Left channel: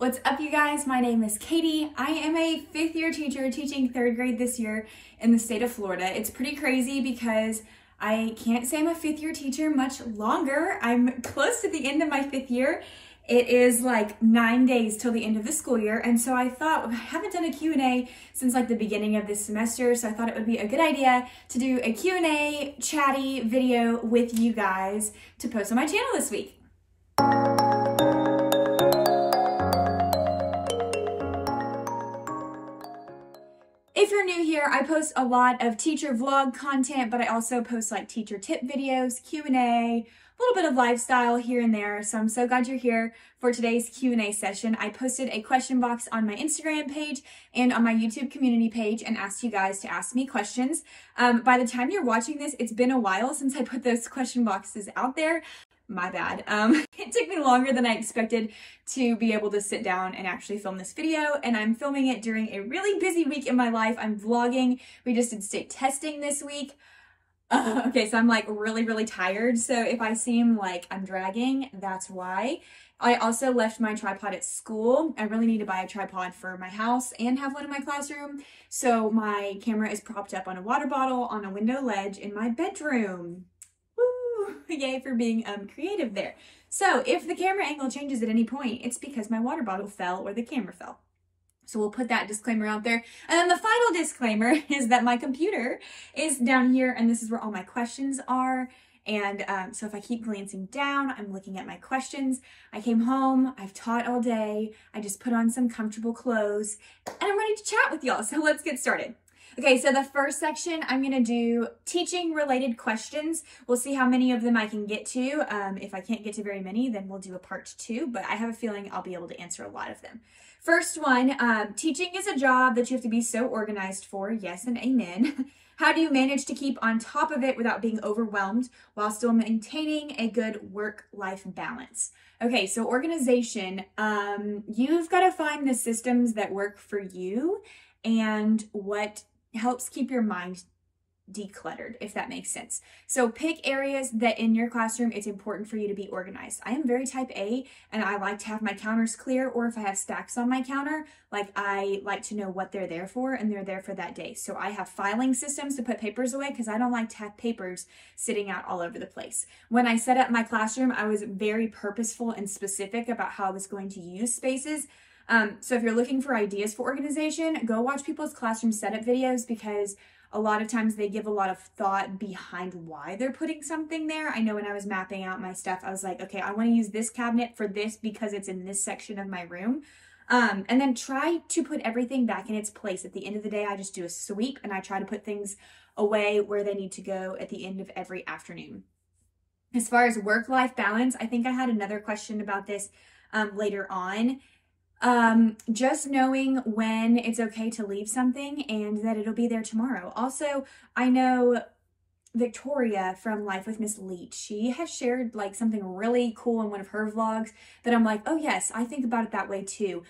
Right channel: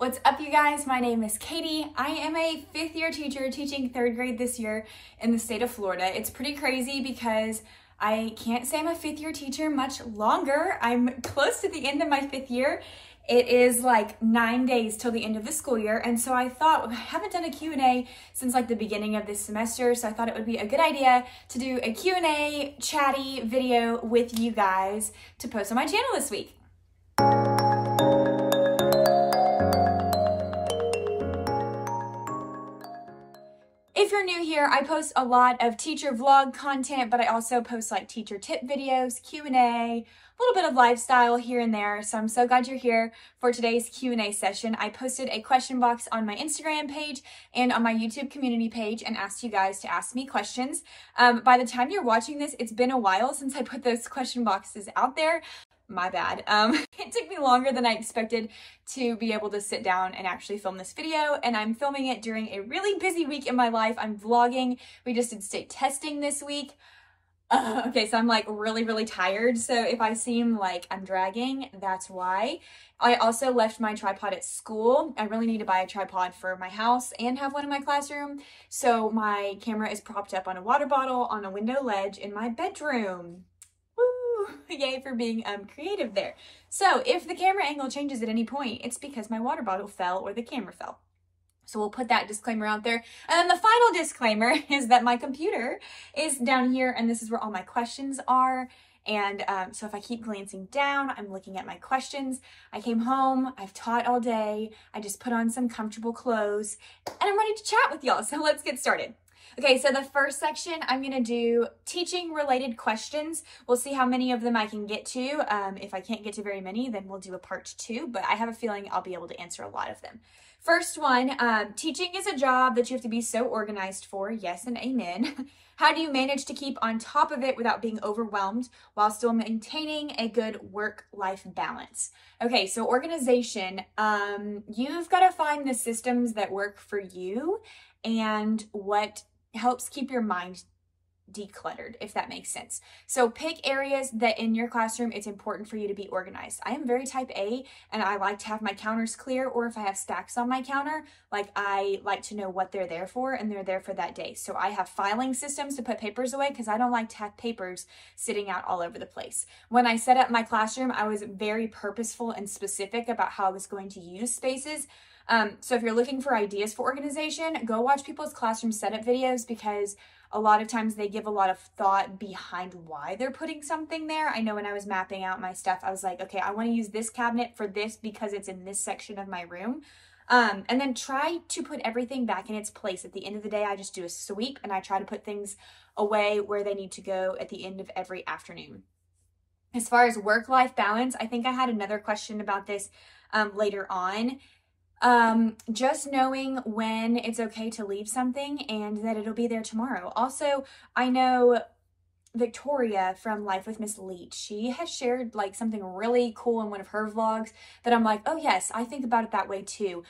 What's up, you guys? My name is Katie. I am a fifth year teacher teaching third grade this year in the state of Florida. It's pretty crazy because I can't say I'm a fifth year teacher much longer. I'm close to the end of my fifth year. It is like 9 days till the end of the school year. And so I thought, I haven't done a Q&A since like the beginning of this semester. So I thought it would be a good idea to do a Q&A chatty video with you guys to post on my channel this week. If you're new here, I post a lot of teacher vlog content, but I also post like teacher tip videos, Q&A, a little bit of lifestyle here and there. So I'm so glad you're here for today's Q&A session. I posted a question box on my Instagram page and on my YouTube community page and asked you guys to ask me questions. By the time you're watching this, it's been a while since I put those question boxes out there. My bad. It took me longer than I expected to be able to sit down and actually film this video, and I'm filming it during a really busy week in my life. I'm vlogging. We just did state testing this week. Okay, so I'm like really tired. So if I seem like I'm dragging, that's why. I also left my tripod at school. I really need to buy a tripod for my house and have one in my classroom. So my camera is propped up on a water bottle on a window ledge in my bedroom. Yay for being creative there. So if the camera angle changes at any point, it's because my water bottle fell or the camera fell. So we'll put that disclaimer out there. And then the final disclaimer is that my computer is down here and this is where all my questions are. And so if I keep glancing down, I'm looking at my questions. I came home, I've taught all day. I just put on some comfortable clothes and I'm ready to chat with y'all. So let's get started. Okay, so the first section, I'm going to do teaching related questions. We'll see how many of them I can get to. If I can't get to very many, then we'll do a part 2, but I have a feeling I'll be able to answer a lot of them. First one, teaching is a job that you have to be so organized for. Yes and amen. How do you manage to keep on top of it without being overwhelmed while still maintaining a good work-life balance? Okay, so organization, you've got to find the systems that work for you and what helps keep your mind decluttered, if that makes sense. So pick areas that in your classroom it's important for you to be organized. I am very type A and I like to have my counters clear, or if I have stacks on my counter, like I like to know what they're there for and they're there for that day. So I have filing systems to put papers away because I don't like to have papers sitting out all over the place. When I set up my classroom, I was very purposeful and specific about how I was going to use spaces. So if you're looking for ideas for organization, go watch people's classroom setup videos because a lot of times they give a lot of thought behind why they're putting something there. I know when I was mapping out my stuff, I was like, okay, I want to use this cabinet for this because it's in this section of my room. And then try to put everything back in its place. At the end of the day, I just do a sweep and I try to put things away where they need to go at the end of every afternoon. As far as work-life balance, I think I had another question about this later on. Just knowing when it's okay to leave something and that it'll be there tomorrow. Also, I know Victoria from Life with Miss Leach, she has shared like something really cool in one of her vlogs that I'm like, oh yes, I think about it that way too.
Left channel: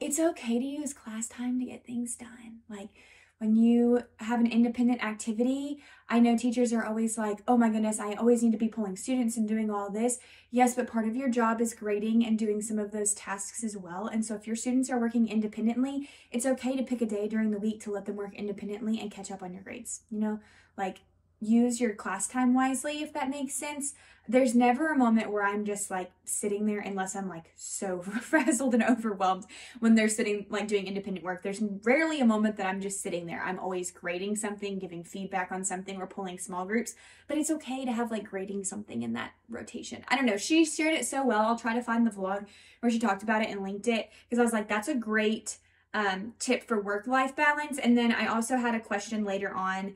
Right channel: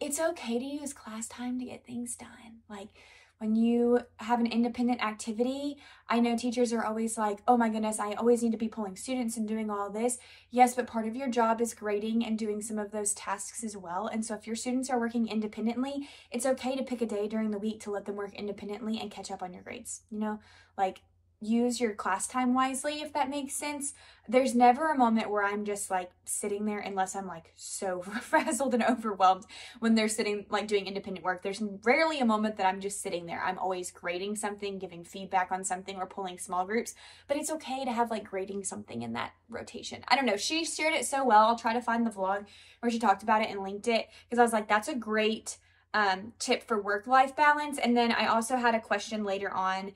It's okay to use class time to get things done. Like when you have an independent activity, I know teachers are always like, oh my goodness, I always need to be pulling students and doing all this. Yes, but part of your job is grading and doing some of those tasks as well. And so if your students are working independently, it's okay to pick a day during the week to let them work independently and catch up on your grades. You know, like use your class time wisely, if that makes sense. There's never a moment where I'm just like sitting there unless I'm like so frazzled and overwhelmed when they're sitting like doing independent work. There's rarely a moment that I'm just sitting there. I'm always grading something, giving feedback on something, or pulling small groups, but it's okay to have like grading something in that rotation. I don't know. She shared it so well. I'll try to find the vlog where she talked about it and linked it because I was like, that's a great tip for work-life balance. And then I also had a question later on.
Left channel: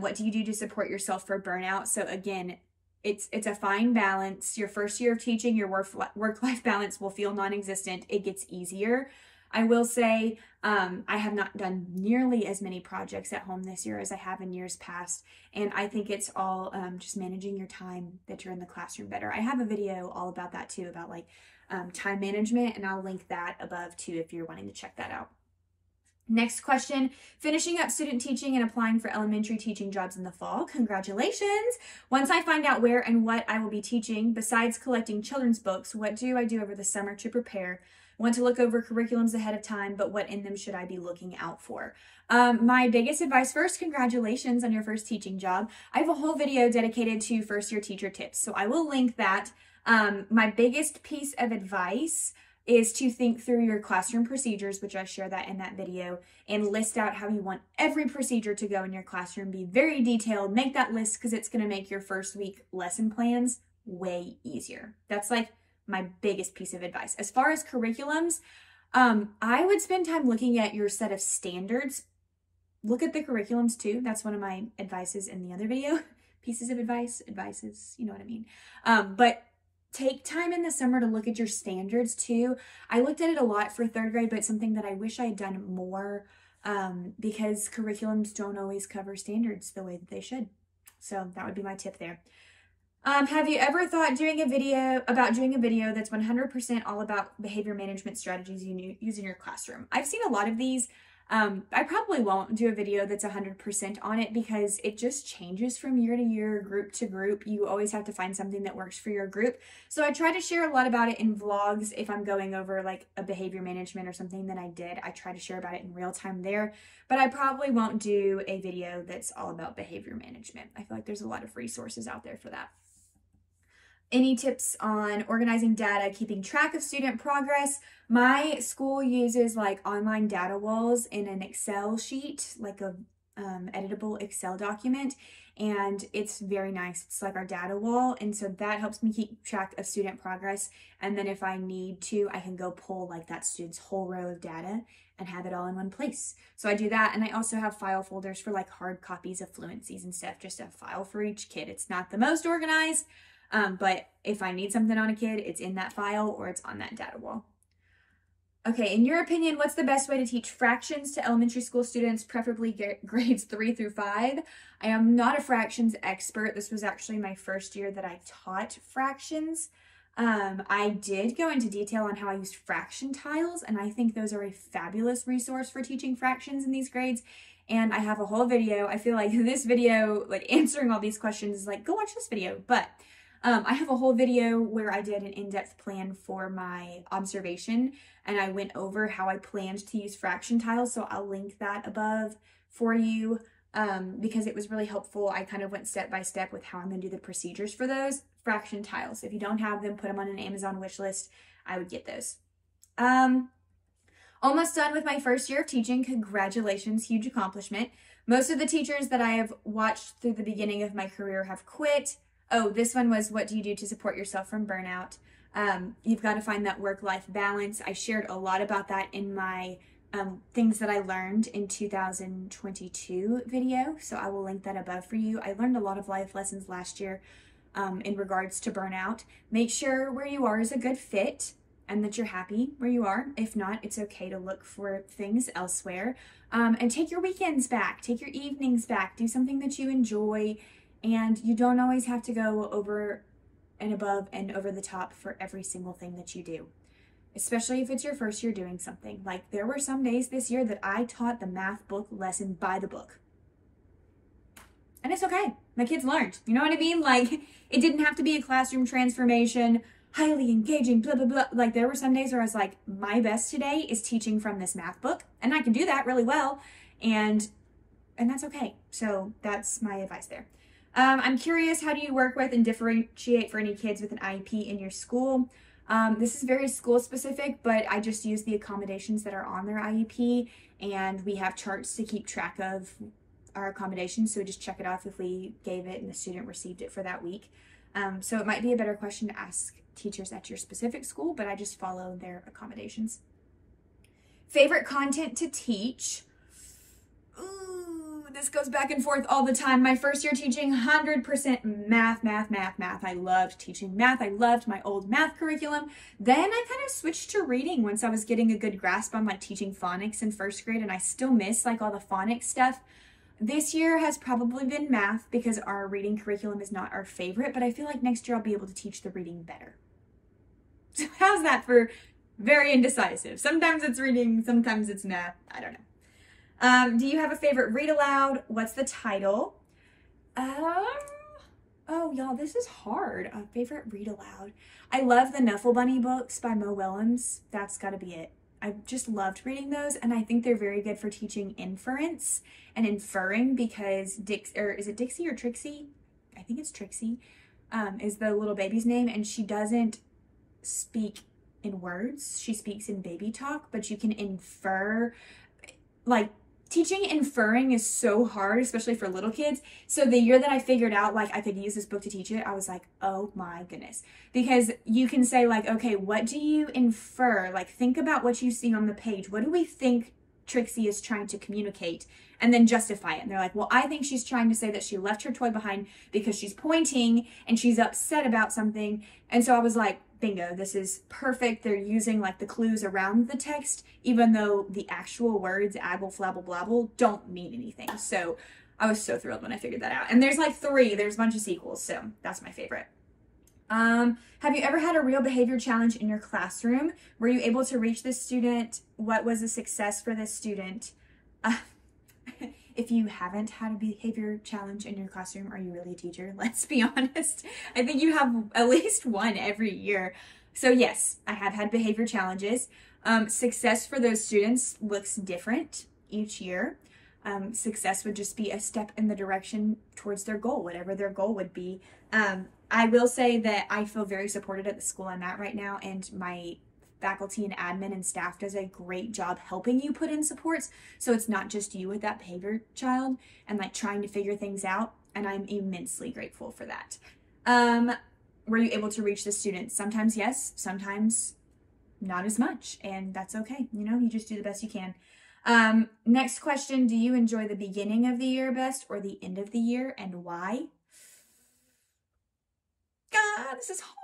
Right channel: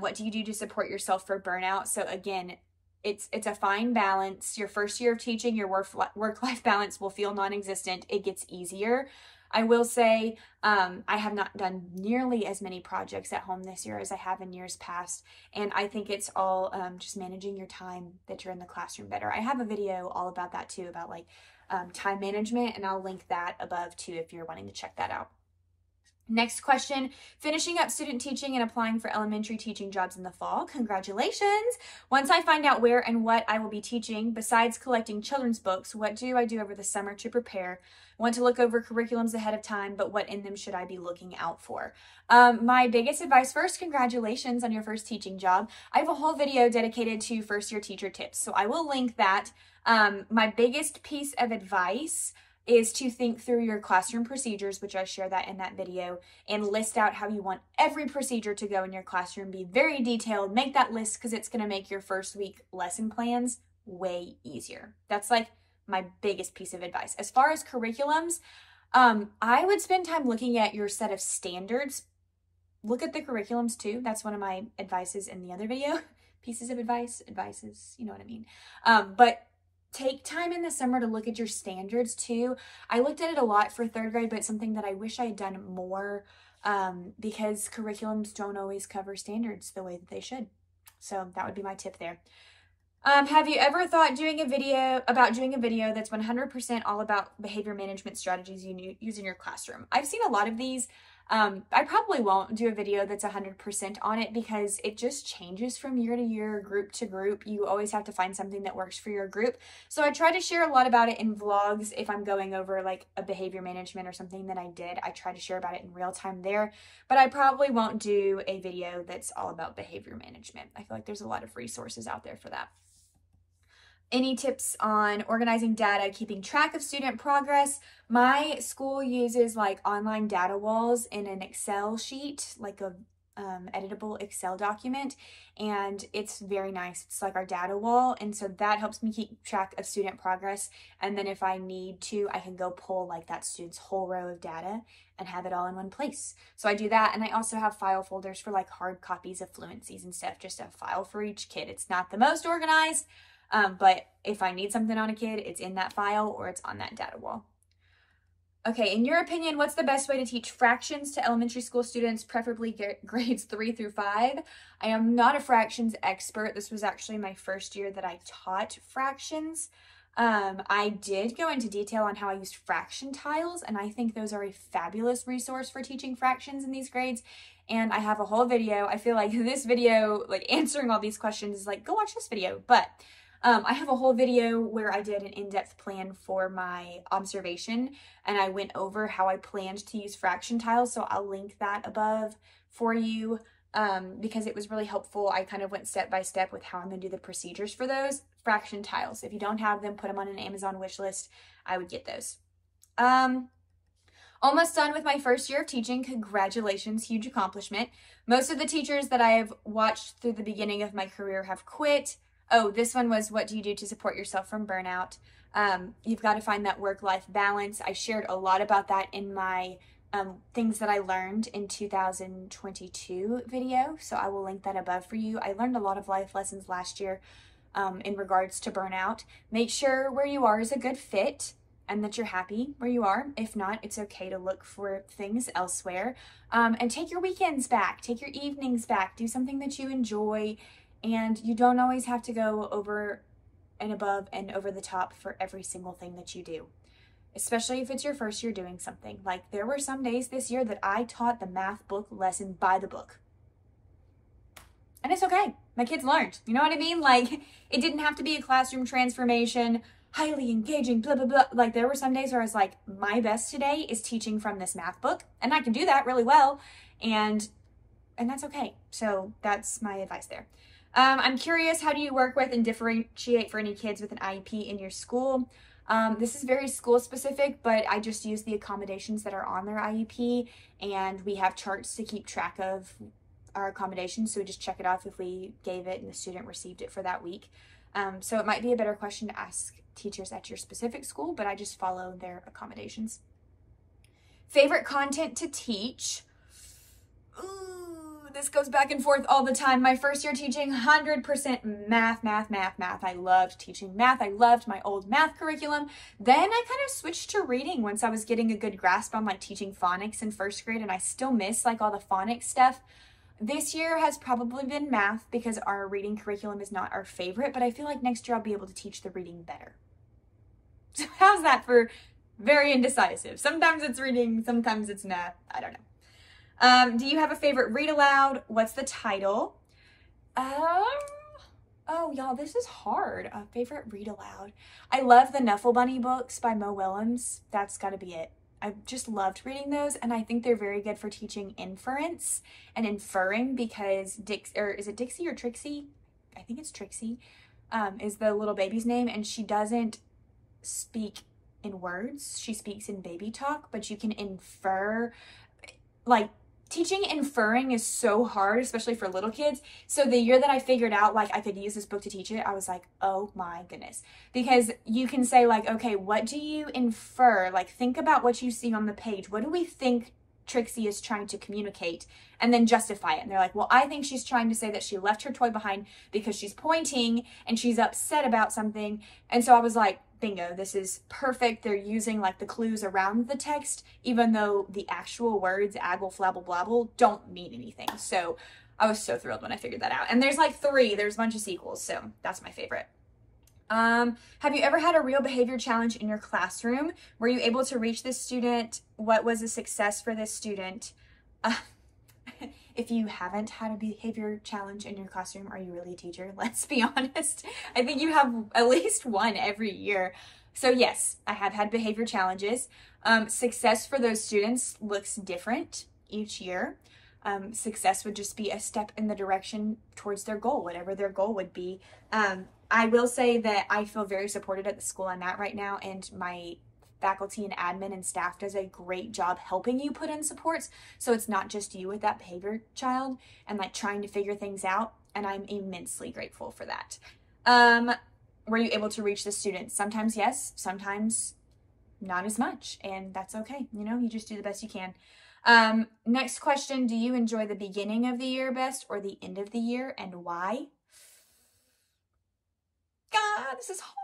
What do you do to support yourself for burnout? So again, it's a fine balance. Your first year of teaching, your work-life balance will feel non-existent. It gets easier. I will say I have not done nearly as many projects at home this year as I have in years past. And I think it's all just managing your time that you're in the classroom better. I have a video all about that too, about like time management, and I'll link that above too if you're wanting to check that out. Next question, finishing up student teaching and applying for elementary teaching jobs in the fall. Congratulations. Once I find out where and what I will be teaching, besides collecting children's books, what do I do over the summer to prepare? Want to look over curriculums ahead of time, but what in them should I be looking out for? My biggest advice first, congratulations on your first teaching job. I have a whole video dedicated to first year teacher tips, so I will link that. My biggest piece of advice is to think through your classroom procedures, which I share that in that video, and list out how you want every procedure to go in your classroom. Be very detailed, make that list because it's going to make your first week lesson plans way easier. That's like my biggest piece of advice. As far as curriculums, I would spend time looking at your set of standards. Look at the curriculums too. That's one of my advices in the other video. Pieces of advices, you know what I mean. But take time in the summer to look at your standards too. I looked at it a lot for 3rd grade, but it's something that I wish I had done more because curriculums don't always cover standards the way that they should. So that would be my tip there. Have you ever thought doing a video that's 100% all about behavior management strategies you use in your classroom? I've seen a lot of these. I probably won't do a video that's 100% on it because it just changes from year to year, group to group. You always have to find something that works for your group. So I try to share a lot about it in vlogs. If I'm going over like a behavior management or something that I did, I try to share about it in real time there. But I probably won't do a video that's all about behavior management. I feel like there's a lot of resources out there for that. Any tips on organizing data, keeping track of student progress? My school uses like online data walls in an Excel sheet, like a editable Excel document, and it's very nice. It's like our data wall, and so that helps me keep track of student progress. And then if I need to, I can go pull like that student's whole row of data and have it all in one place. So I do that, and I also have file folders for like hard copies of fluencies and stuff, just a file for each kid. It's not the most organized, but if I need something on a kid, it's in that file or it's on that data wall. Okay, in your opinion, what's the best way to teach fractions to elementary school students, preferably grades 3 through 5? I am not a fractions expert. This was actually my first year that I taught fractions. I did go into detail on how I used fraction tiles, and I think those are a fabulous resource for teaching fractions in these grades. And I have a whole video. I feel like this video, like answering all these questions is like, go watch this video. But I have a whole video where I did an in-depth plan for my observation, and I went over how I planned to use fraction tiles, so I'll link that above for you because it was really helpful. I kind of went step by step with how I'm going to do the procedures for those fraction tiles. If you don't have them, put them on an Amazon wish list. I would get those. Almost done with my first year of teaching. Congratulations, huge accomplishment. Most of the teachers that I have watched through the beginning of my career have quit. Oh, this one was, what do you do to support yourself from burnout? You've got to find that work-life balance. I shared a lot about that in my things that I learned in 2022 video, so I will link that above for you. I learned a lot of life lessons last year in regards to burnout. Make sure where you are is a good fit and that you're happy where you are. If not, it's okay to look for things elsewhere. And take your weekends back, take your evenings back, do something that you enjoy. And you don't always have to go over and above and over the top for every single thing that you do, especially if it's your first year doing something. Like there were some days this year that I taught the math book lesson by the book. And it's okay. My kids learned. You know what I mean? Like it didn't have to be a classroom transformation, highly engaging, blah, blah, blah. Like there were some days where I was like, my best today is teaching from this math book, and I can do that really well. And that's okay. So that's my advice there. I'm curious, how do you work with and differentiate for any kids with an IEP in your school? This is very school specific, but I just use the accommodations that are on their IEP, and we have charts to keep track of our accommodations, so we just check it off if we gave it and the student received it for that week. So it might be a better question to ask teachers at your specific school, but I just follow their accommodations. Favorite content to teach? This goes back and forth all the time. My first year teaching, 100% math. I loved teaching math. I loved my old math curriculum. Then I kind of switched to reading once I was getting a good grasp on like teaching phonics in first grade, and I still miss like all the phonics stuff. This year has probably been math because our reading curriculum is not our favorite, but I feel like next year I'll be able to teach the reading better. So how's that for very indecisive? Sometimes it's reading, sometimes it's math. I don't know. Do you have a favorite read aloud? What's the title? Oh, y'all, this is hard. A favorite read aloud. I love the Nuffle Bunny books by Mo Willems. That's got to be it. I've just loved reading those, and I think they're very good for teaching inference and inferring, because is it Dixie or Trixie? I think it's Trixie, is the little baby's name, and she doesn't speak in words. She speaks in baby talk, but you can infer. Like, teaching inferring is so hard, especially for little kids. So the year that I figured out like I could use this book to teach it, I was like, oh my goodness. Because you can say like, okay, what do you infer? Like, think about what you see on the page. What do we think Trixie is trying to communicate? And then justify it. And they're like, well, I think she's trying to say that she left her toy behind because she's pointing and she's upset about something. And so I was like, bingo, this is perfect. They're using like the clues around the text, even though the actual words, aggle, flabble, blabble, don't mean anything. So I was so thrilled when I figured that out. And there's like 3, there's a bunch of sequels. So that's my favorite. Have you ever had a real behavior challenge in your classroom? Were you able to reach this student? What was a success for this student? If you haven't had a behavior challenge in your classroom, are you really a teacher? Let's be honest. I think you have at least one every year. So yes, I have had behavior challenges. Success for those students looks different each year. Success would just be a step in the direction towards their goal, whatever their goal would be. I will say that I feel very supported at the school I'm at right now, and my faculty and admin and staff does a great job helping you put in supports. So it's not just you with that behavior child and like trying to figure things out. And I'm immensely grateful for that. Were you able to reach the students? Sometimes yes, sometimes not as much. And that's okay. You know, you just do the best you can. Next question. Do you enjoy the beginning of the year best or the end of the year, and why? God, this is hard.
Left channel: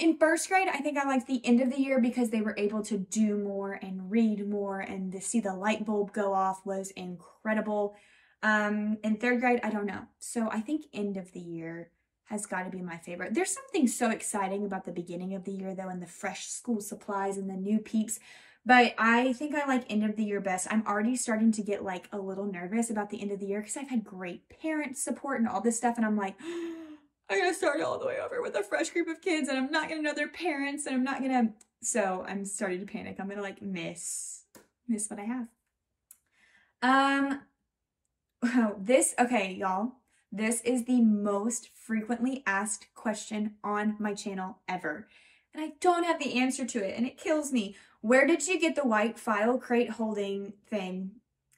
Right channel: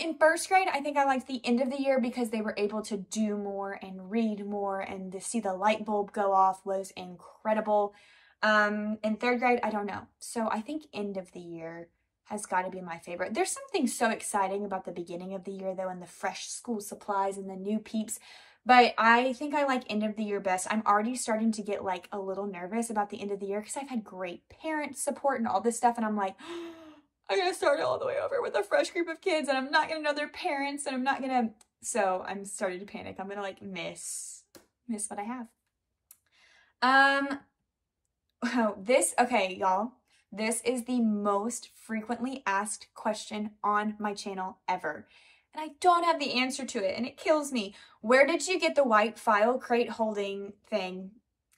In first grade, I think I liked the end of the year because they were able to do more and read more, and to see the light bulb go off was incredible. In third grade, I don't know. So I think end of the year has got to be my favorite. There's something so exciting about the beginning of the year though, and the fresh school supplies and the new peeps. But I think I like end of the year best. I'm already starting to get like a little nervous about the end of the year because I've had great parent support and all this stuff, and I'm like, I'm going to start all the way over with a fresh group of kids, and I'm not going to know their parents, and I'm not going to, so I'm starting to panic. I'm going to like miss what I have. Okay, y'all, this is the most frequently asked question on my channel ever, and I don't have the answer to it, and it kills me. Where did you get the white file crate holding thing?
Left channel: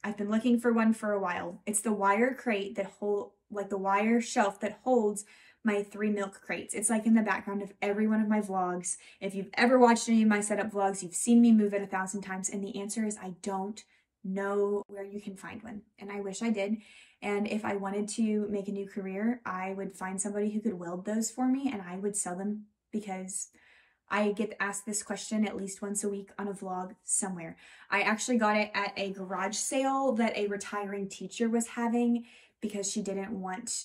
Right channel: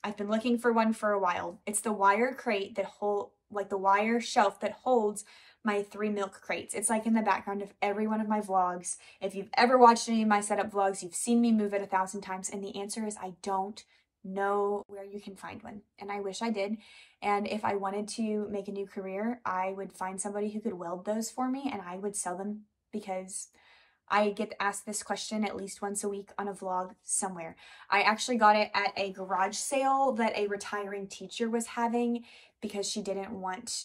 I've been looking for one for a while. It's the wire crate that the wire shelf that holds my 3 milk crates. It's like in the background of every one of my vlogs. If you've ever watched any of my setup vlogs, you've seen me move it 1,000 times. And the answer is I don't know where you can find one. And I wish I did. And if I wanted to make a new career, I would find somebody who could weld those for me, and I would sell them, because I get asked this question at least once a week on a vlog somewhere. I actually got it at a garage sale that a retiring teacher was having because she didn't want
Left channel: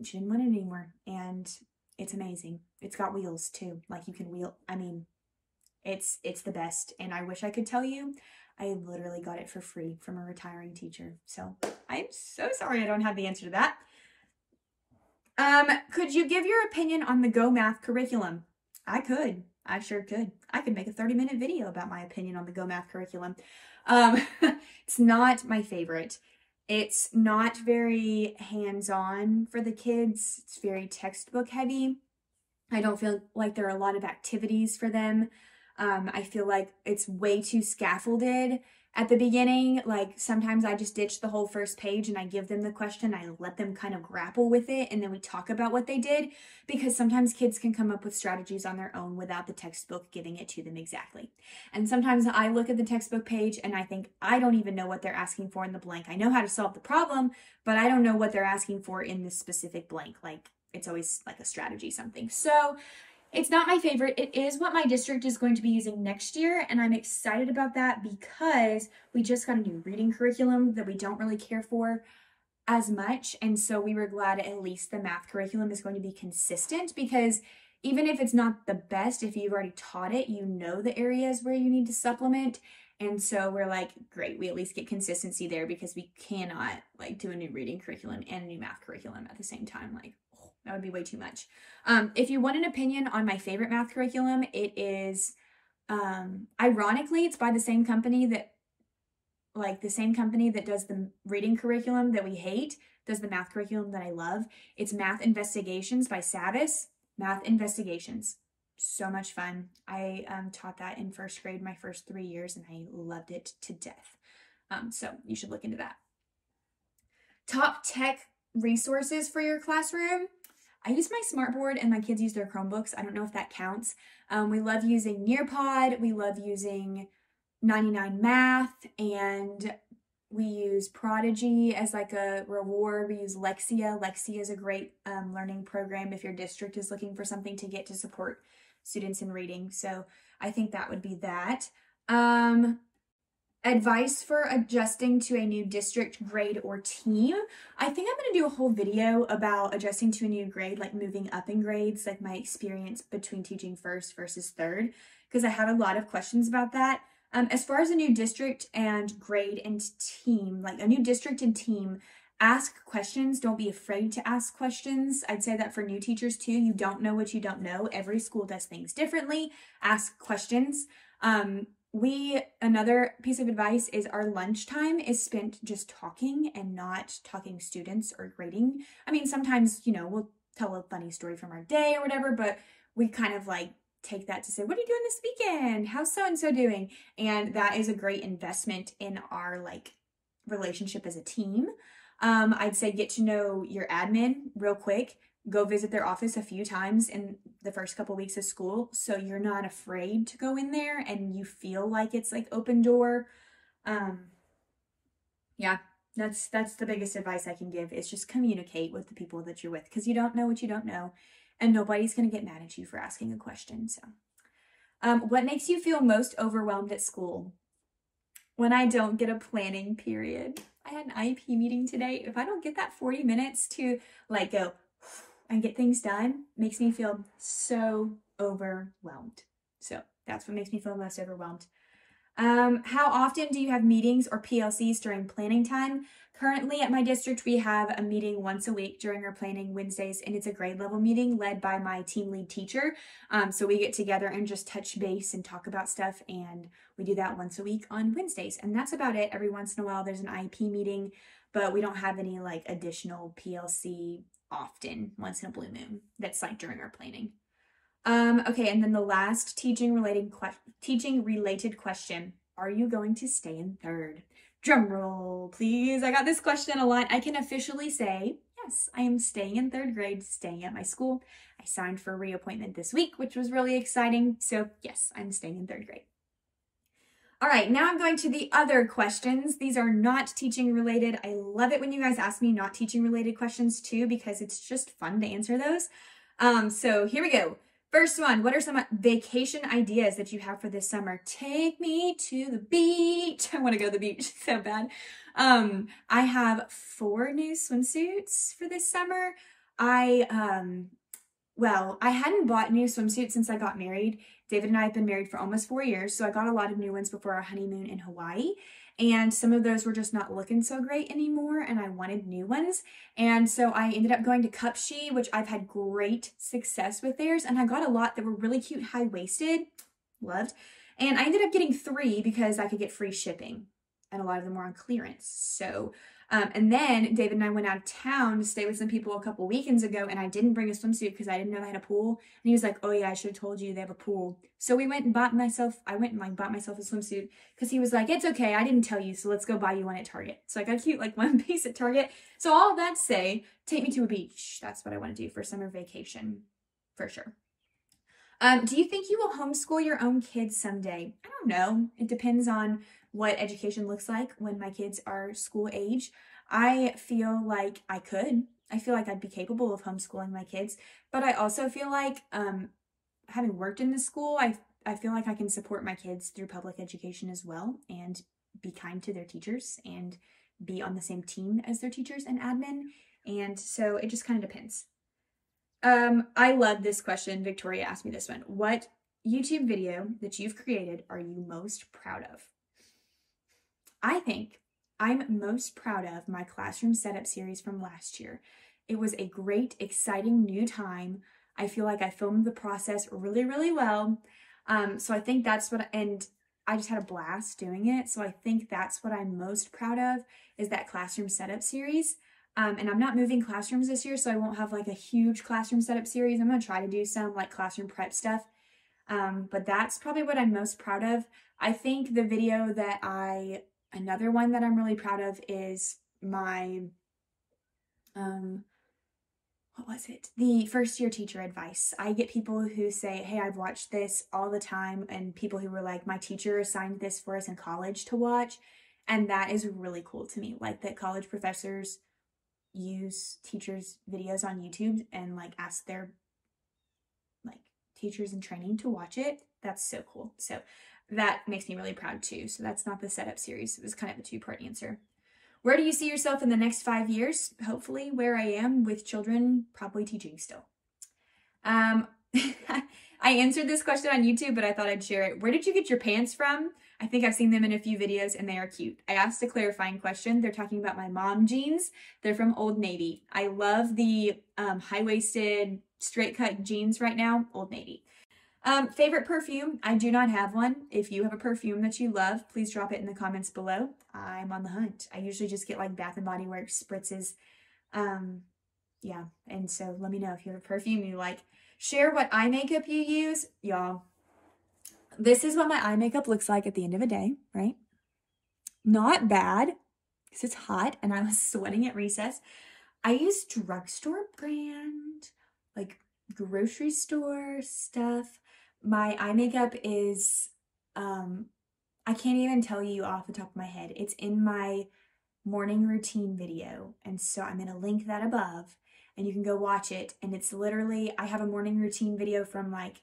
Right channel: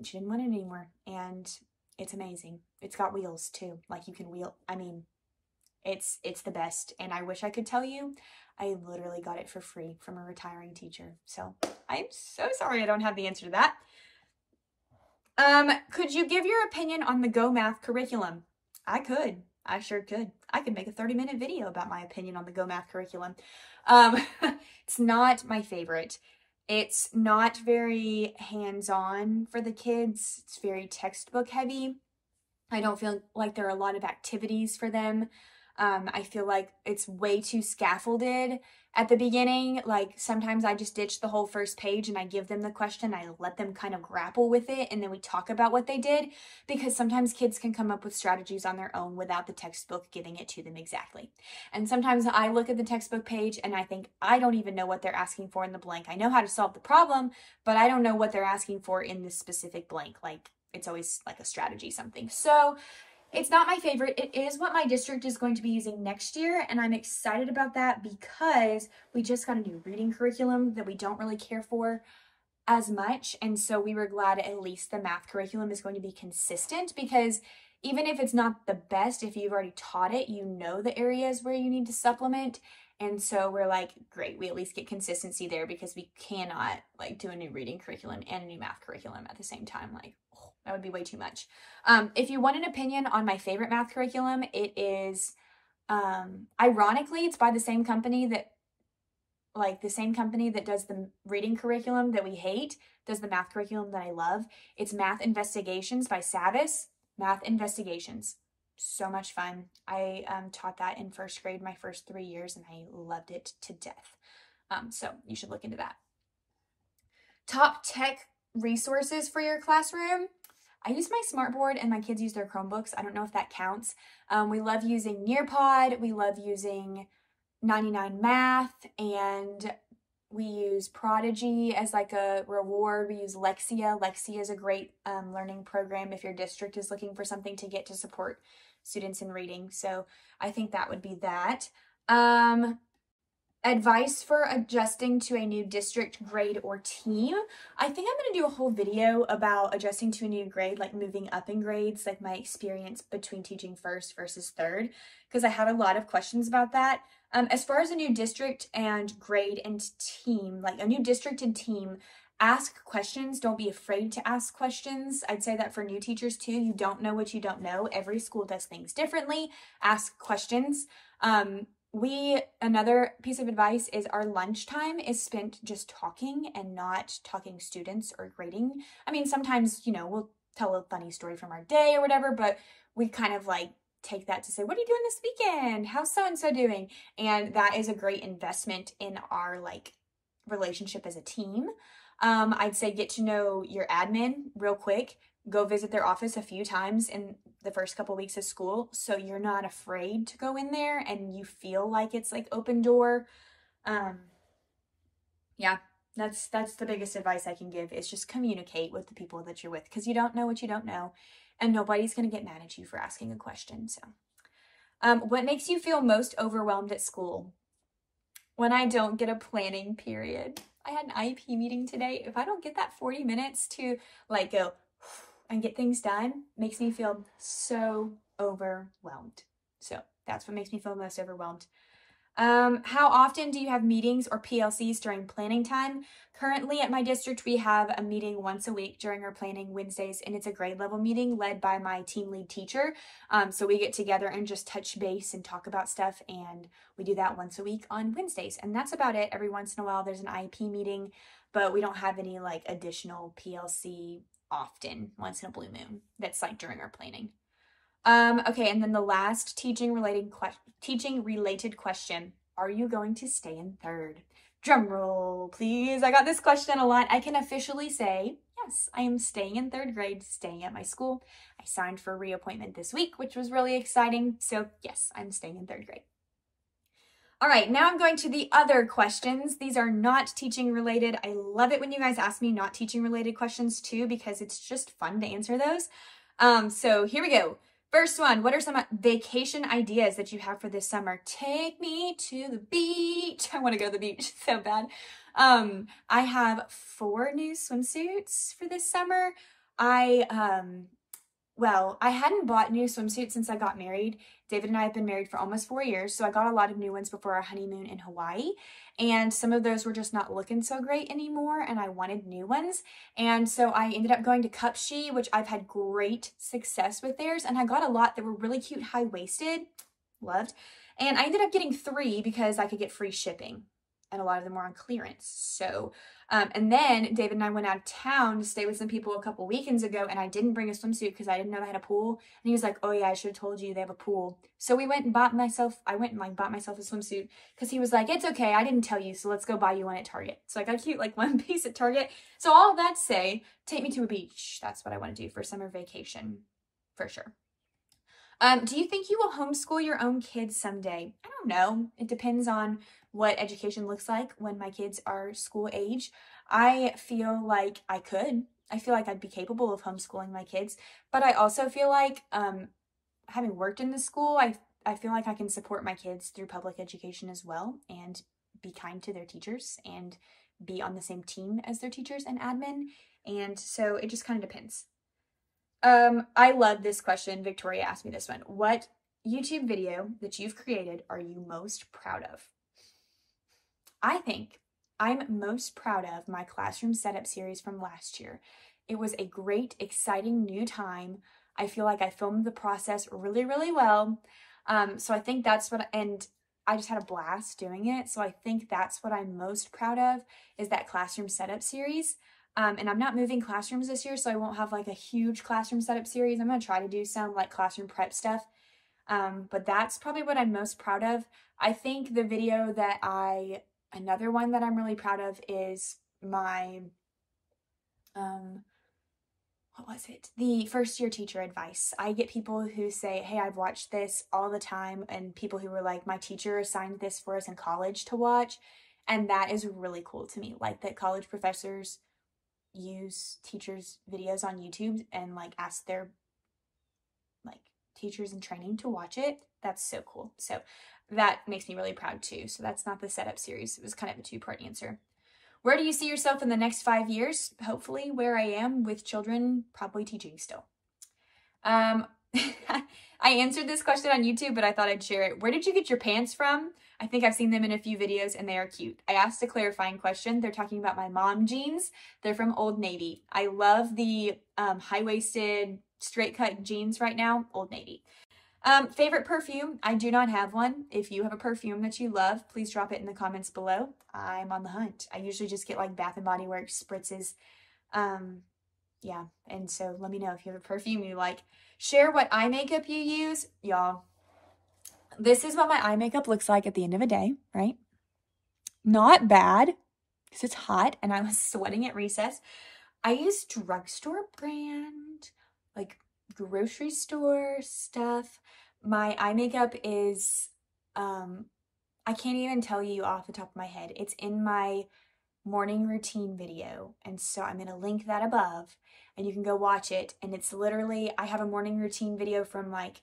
it anymore, and it's amazing. It's got wheels too, like you can wheel. I mean, it's the best, and I wish I could tell you. I literally got it for free from a retiring teacher, so I'm so sorry I don't have the answer to that. Could you give your opinion on the Go Math curriculum? I sure could. I could make a 30-minute video about my opinion on the Go Math curriculum. It's not my favorite. It's not very hands-on for the kids. It's very textbook heavy. I don't feel like there are a lot of activities for them. I feel like it's way too scaffolded at the beginning. Like sometimes I just ditch the whole first page and I give them the question. I let them kind of grapple with it, and then we talk about what they did, because sometimes kids can come up with strategies on their own without the textbook giving it to them exactly. And sometimes I look at the textbook page and I think, I don't even know what they're asking for in the blank. I know how to solve the problem, but I don't know what they're asking for in the specific blank. Like it's always like a strategy something. So it's not my favorite. It is what my district is going to be using next year, and I'm excited about that because we just got a new reading curriculum that we don't really care for as much, and so we were glad at least the math curriculum is going to be consistent, because even if it's not the best, if you've already taught it, you know the areas where you need to supplement, And so we're like, great, we at least get consistency there because we cannot like do a new reading curriculum and a new math curriculum at the same time. Like, oh, that would be way too much. If you want an opinion on my favorite math curriculum, it is, ironically, it's by the same company that does the reading curriculum that we hate, does the math curriculum that I love. It's Math Investigations by Savvis. Math Investigations. So much fun. I taught that in first grade my first 3 years and I loved it to death. So you should look into that. Top tech resources for your classroom. I use my smartboard and my kids use their Chromebooks. I don't know if that counts. We love using Nearpod. We love using 99 Math, and we use Prodigy as like a reward. We use Lexia. Lexia is a great learning program if your district is looking for something to get to support students in reading. So I think that would be that. Advice for adjusting to a new district, grade, or team. I think I'm going to do a whole video about adjusting to a new grade, like moving up in grades, like my experience between teaching first versus third, because I had a lot of questions about that. As far as a new district and grade and team, like a new district and team, ask questions. Don't be afraid to ask questions. I'd say that for new teachers too. You don't know what you don't know. Every school does things differently. Ask questions. Another piece of advice is our lunchtime is spent just talking and not talking students or grading. I mean, sometimes, you know, we'll tell a funny story from our day or whatever, but we kind of like take that to say, what are you doing this weekend? How's so-and-so doing? And that is a great investment in our like relationship as a team. I'd say get to know your admin real quick. Go visit their office a few times in the first couple weeks of school so you're not afraid to go in there and you feel like it's like open door. Yeah, that's the biggest advice I can give, is just communicate with the people that you're with, because you don't know what you don't know and nobody's going to get mad at you for asking a question. So what makes you feel most overwhelmed at school? When I don't get a planning period. I had an IEP meeting today. If I don't get that 40 minutes to like go and get things done, makes me feel so overwhelmed. So that's what makes me feel most overwhelmed. How often do you have meetings or PLCs during planning time? Currently at my district, we have a meeting once a week during our planning Wednesdays, and it's a grade level meeting led by my team lead teacher. So we get together and just touch base and talk about stuff, and we do that once a week on Wednesdays. And that's about it. Every once in a while there's an IEP meeting, but we don't have any like additional PLC often, once in a blue moon. That's like during our planning. Okay, and then the last teaching related question. Are you going to stay in third? Drum roll, please. I got this question a lot. I can officially say, yes, I am staying in third grade, staying at my school. I signed for reappointment this week, which was really exciting. So yes, I'm staying in third grade. All right, now I'm going to the other questions. These are not teaching related. I love it when you guys ask me not teaching related questions too, because it's just fun to answer those. So here we go. First one, what are some vacation ideas that you have for this summer? Take me to the beach. I want to go to the beach so bad. I have 4 new swimsuits for this summer. I hadn't bought new swimsuits since I got married. David and I have been married for almost 4 years, so I got a lot of new ones before our honeymoon in Hawaii. And some of those were just not looking so great anymore, and I wanted new ones. And so I ended up going to Cupshe, which I've had great success with theirs, and I got a lot that were really cute, high-waisted, loved. And I ended up getting 3 because I could get free shipping, and a lot of them were on clearance. So, and then David and I went out of town to stay with some people a couple weekends ago, and I didn't bring a swimsuit because I didn't know they had a pool. And he was like, oh yeah, I should have told you they have a pool. So we went and bought myself a swimsuit because he was like, it's okay, I didn't tell you, so let's go buy you one at Target. So I got a cute like one piece at Target. So all of that to say, take me to a beach. That's what I want to do for summer vacation, for sure. Do you think you will homeschool your own kids someday? I don't know. It depends on what education looks like when my kids are school age. I feel like I could. I feel like I'd be capable of homeschooling my kids, but I also feel like having worked in the school, I feel like I can support my kids through public education as well and be kind to their teachers and be on the same team as their teachers and admin. And so it just kind of depends. I love this question. Victoria asked me this one. What YouTube video that you've created are you most proud of? I think I'm most proud of my classroom setup series from last year. It was a great, exciting new time. I feel like I filmed the process really, really well. So I think that's what, and I just had a blast doing it. So I think that's what I'm most proud of, is that classroom setup series. And I'm not moving classrooms this year, so I won't have like a huge classroom setup series. I'm gonna try to do some like classroom prep stuff. But that's probably what I'm most proud of. I think the video that another one that I'm really proud of is my, what was it? The first year teacher advice. I get people who say, hey, I've watched this all the time, and people who were like, my teacher assigned this for us in college to watch. And that is really cool to me. Like that college professors use teachers' videos on YouTube and like ask their like teachers in training to watch it. That's so cool. So that makes me really proud too. So that's not the setup series. It was kind of a two-part answer. Where do you see yourself in the next 5 years? Hopefully where I am with children, probably teaching still. I answered this question on YouTube, but I thought I'd share it. Where did you get your pants from? I think I've seen them in a few videos and they are cute. I asked a clarifying question. They're talking about my mom jeans. They're from Old Navy. I love the high-waisted straight cut jeans right now, Old Navy. Favorite perfume? I do not have one. If you have a perfume that you love, please drop it in the comments below. I'm on the hunt. I usually just get like Bath & Body Works spritzes. Yeah, and so let me know if you have a perfume you like. Share what eye makeup you use. Y'all, this is what my eye makeup looks like at the end of a day, right? Not bad, because it's hot and I was sweating at recess. I use drugstore brand, like grocery store stuff. My eye makeup is, I can't even tell you off the top of my head. It's in my morning routine video. And so I'm going to link that above and you can go watch it. And it's literally, I have a morning routine video from like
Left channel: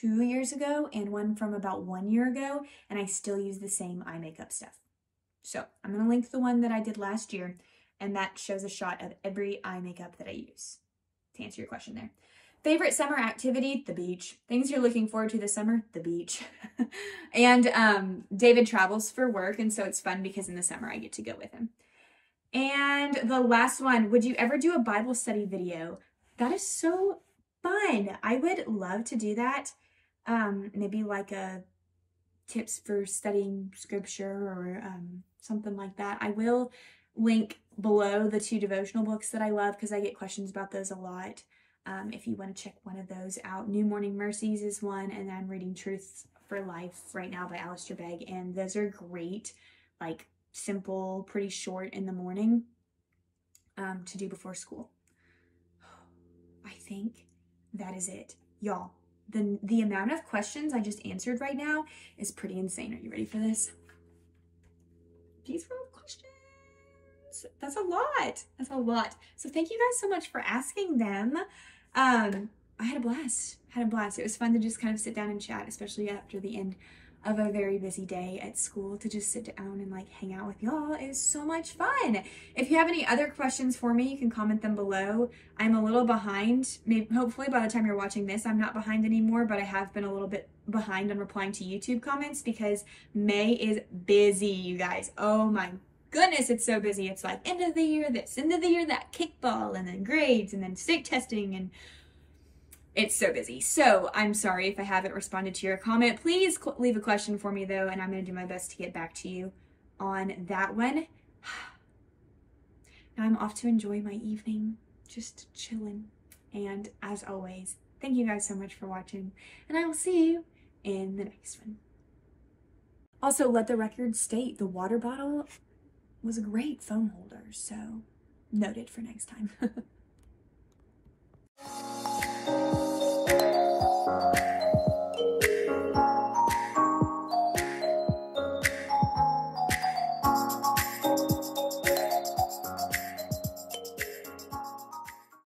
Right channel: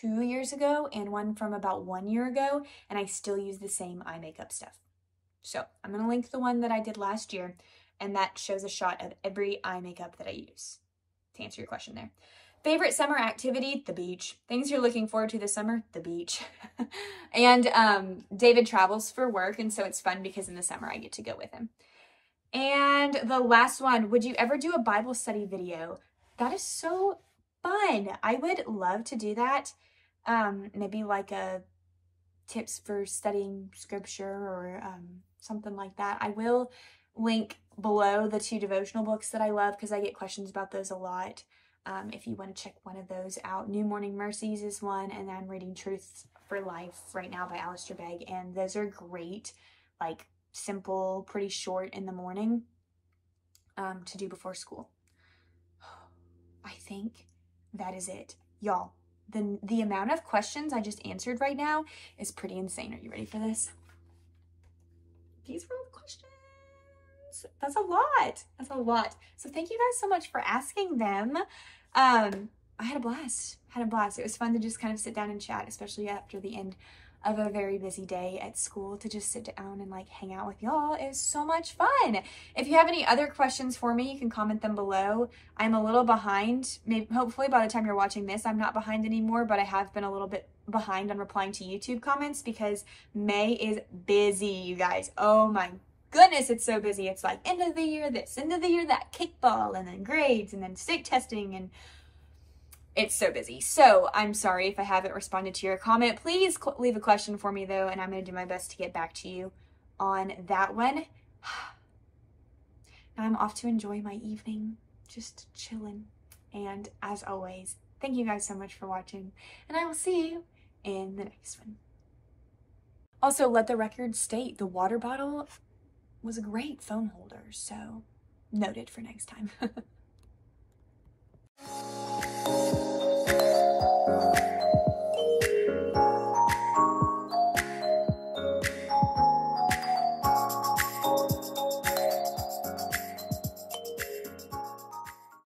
2 years ago and one from about 1 year ago. And I still use the same eye makeup stuff. So I'm going to link the one that I did last year. And that shows a shot of every eye makeup that I use, to answer your question there. Favorite summer activity? The beach. Things you're looking forward to this summer? The beach. And David travels for work, and so it's fun because in the summer I get to go with him. And the last one, would you ever do a Bible study video? That is so fun. I would love to do that. Maybe like a tips for studying scripture or something like that. I will link below the 2 devotional books that I love because I get questions about those a lot. If you want to check one of those out. New Morning Mercies is one, and I'm reading Truth for Life right now by Alistair Begg, and those are great, like simple, pretty short in the morning to do before school. I think that is it. Y'all, the amount of questions I just answered right now is pretty insane. Are you ready for this? These were all questions. That's a lot. That's a lot. So thank you guys so much for asking them. I had a blast. It was fun to just kind of sit down and chat, especially after the end of a very busy day at school, to just sit down and like hang out with y'all. It was so much fun. If you have any other questions for me, you can comment them below. I'm a little behind. Maybe, hopefully by the time you're watching this, I'm not behind anymore, but I have been a little bit behind on replying to YouTube comments because May is busy, you guys. Oh my goodness, it's so busy. It's like end of the year this, end of the year that, kickball, and then grades, and then state testing, and it's so busy. So I'm sorry if I haven't responded to your comment. Please leave a question for me though, and I'm going to do my best to get back to you on that one. Now I'm off to enjoy my evening, just chilling. And as always, thank you guys so much for watching, and I will see you in the next one. Also, let the record state the water bottle was a great phone holder, so noted for next time.